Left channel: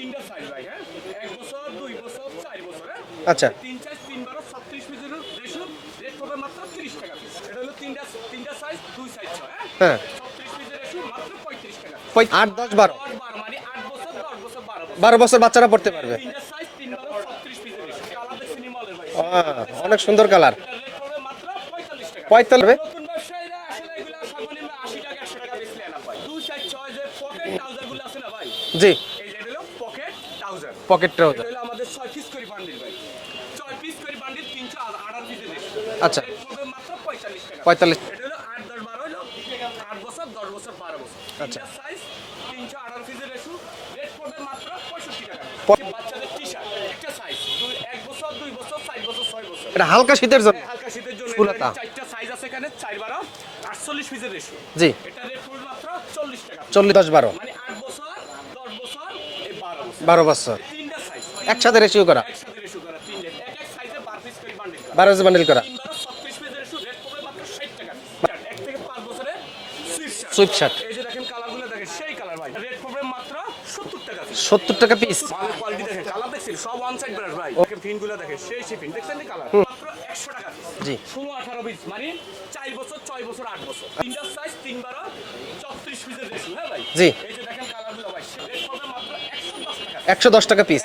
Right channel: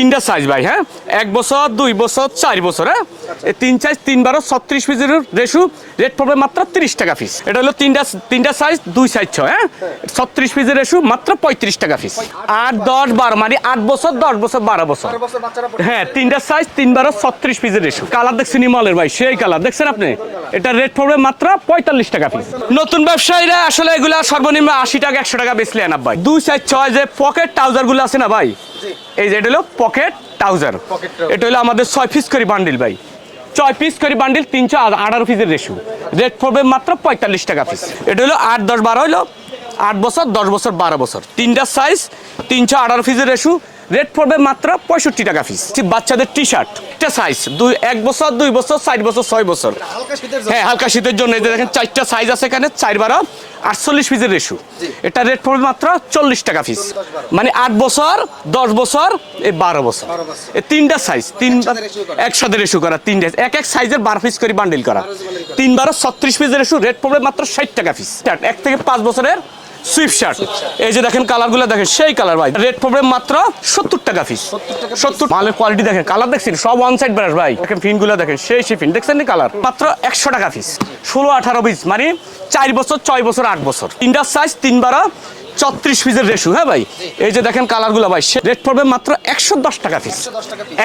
তিনটা সাইজ ভাই হ্যাঁ? এক বছর দুই বছর চার বছর হ্যাঁ? আচ্ছা। এই তিন সাইজ তিন বারো ছত্রিশ পিসের রেশু রেট পড়বে মাত্র তিরিশ টাকা পিস এটা হলো তিনটা তিনটা সাইজ দুই সাইজ ছয় হ্যাঁ? হ্যাঁ। ছত্রিশ পিসের রেশু মাত্র পঁয়ত্রিশ টাকা পিস আট, দশ, বারো। মানে আট বছর দশ বছর বারো বছর। বারো বছর বাচ্চারা হ্যাঁ তিনটা সাইজ তিন বারো ছত্রিশ পিসের রেশু কালার দেখছেন ইমলের ভাই সেই কালার দেখছেন আপনি? এটা রেট পড়বে মাত্র পঁয়তাল্লিশ টাকা নতুন ব্যবসায়ীরা আসলে এগুলা সর্বনিম্ন আশি টাকা একশো টাকা বেচলে আনা ভাই। দুই সাইজ ছয় যে পকেট ট্রাউজারগুলো আছে না ভাই? জি। এই যে এটা হলো পকেট ট্রাউজার। এটা হলো আমাদের ছয় পিস করে বান্ডিল ভাই। ছয় পিস করে বান্ডিল তিনশো আঠারো পিসের রেশু রেড রেট পড়বে মাত্র পঁয়তাল্লিশ টাকা 45 এটা হলো আট দশ বারো হলো আট বছর দশ বছর বারো বছর। তিনটা সাইজ তিনশো আঠারো পিসের রেশু রেট পড়বে মাত্র পঁয়ষট্টি টাকা পিস বাচ্চাদের টি শার্ট একটা সাইজ দুই এক বছর দুই বছর চার বছর ছয় বছর। হালকা শীতের হ্যাঁ হালকা শীতের জন্য। দেখেন চারটা সাইজ আছে এখানে চার বারো আটচল্লিশ পিসের রেশু এটা রেট পড়বে মাত্র চল্লিশ টাকা পিস 40, 10, 12 মানে আট বছর দশ বছর এই বারো বছর। বারো বছর। তিনটা সাইজ তিন একসাথে করা? একসাথে রেশু করা তিনটা। এক এক সাইজের বারো পিস করে বান্ডিল করা। 12 piece bundle করা। তিন বারো ছত্রিশ পিসের রেশু রেট পড়বে মাত্র ষাট টাকা পিস এক থেকে পাঁচ বছরের সুইফট শার্ট এই যে দেখেন কালারগুলো দেখেন সেই কালার ভাই। রেট পড়বে মাত্র সত্তর টাকা পিস 70 টাকা? সত্তর মালের কোয়ালিটি দেখেন কালার দেখছেন সব ওয়ান সাইড ব্রাশ ভাই। দেখেন ফিনগুলো দেখেন সেই সেই ফিন দেখছেন কালার মাত্র একশো টাকা পিস ষোলো আঠারো পিস মানে চার বছর ছয় বছর আট বছর। তিনটার সাইজ তিন বারো চত্রিশ পিসের রেশু হ্যাঁ ভাই। এই যে দেখেন কালারগুলো ভাই রেট পড়বে মাত্র একশো দশ টাকা একশো দশ টাকা পিস